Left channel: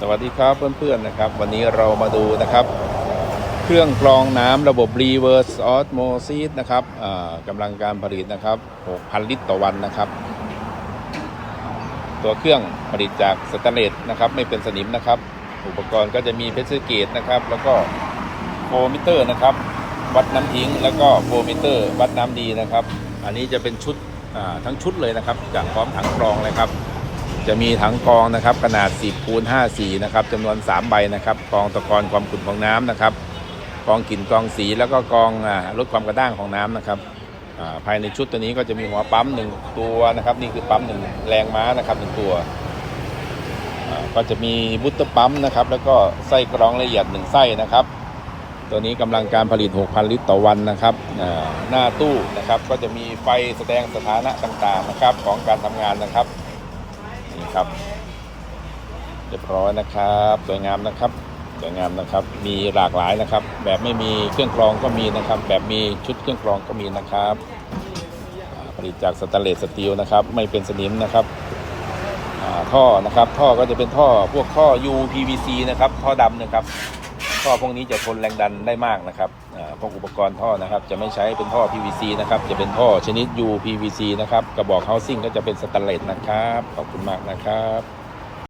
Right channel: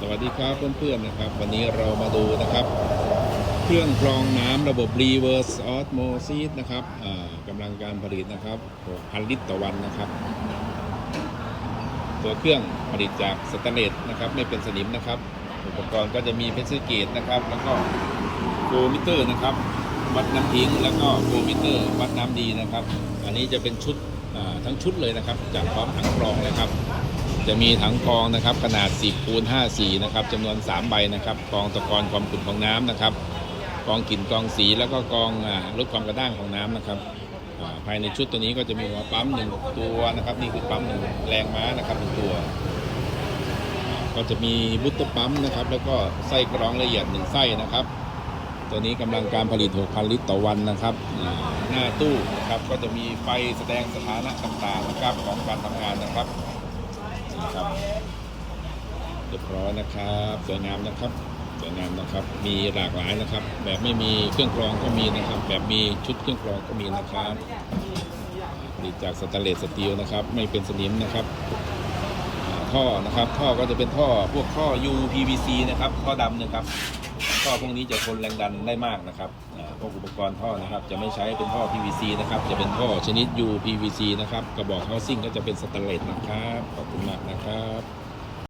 สวัสดีครับเพื่อนๆนะครับ วันนี้เรามาดูนะครับ เครื่องกรองน้ำระบบ reverse osmosis นะครับกำลังการผลิตนะครับ 6,000 ลิตรต่อวันนะครับ ตัวเครื่องผลิตจากสแตนเลสนะครับ ไม่เป็นสนิมนะครับ อุปกรณ์ก็จะมีเพชรเกตนะครับ แล้วก็โฟมิเตอร์นะครับวัดน้ำทิ้ง แล้วก็โฟมิเตอร์วัดน้ำดีนะครับ อันนี้จะเป็นชุดทั้งชุดเลยนะครับจากพร้อมถังกรองเลยครับ จะมีถังกองนะครับขนาด 10คูณ54นะครับจำนวน 3 ใบนะครับกองตะกอนความขุ่นของน้ำนะครับกองกลิ่นกองสีแล้วก็กองลดความกระด้างของน้ำนะครับภายในชุดตัวนี้ก็จะมีหัวปั๊มหนึ่งตัวนะครับ นี่คือปั๊มหนึ่งแรงม้านะครับหนึ่งตัว ก็จะมีบุตเตอร์ปั๊มนะครับ แล้วก็ไส้กรองละเอียดหนึ่งไส้นะครับ ตัวนี้กำลังการผลิต 6,000 ลิตรต่อวันนะครับหน้าตู้นะครับก็จะมีไฟแสดงสถานะต่างๆนะครับของการทำงานนะครับ นี่ครับ เรียบร้อยนะครับสวยงามนะครับสวยงามนะครับ มีหลากหลายนะครับ แบบไม่มีเครื่องกรองก็มีนะครับ แบบมีชุดเครื่องกรองก็มีนะครับผลิตจากสแตนเลสสตีลนะครับ ไม่เป็นสนิมนะครับท่อนะครับ ท่อก็จะเป็นท่อพวกท่อ UPVC นะครับ ท่อดำนะครับ ท่อพวกนี้จะทนแรงดันได้มากนะครับพวกอุปกรณ์ท่อนะครับ จะไม่ใช้เป็นท่อ PVC นะครับ จะเป็นท่อชนิด UPVC นะครับ กระบอกเฮาซิ่งก็จะเป็นสแตนเลสนะครับ ขอบคุณมากนะครับ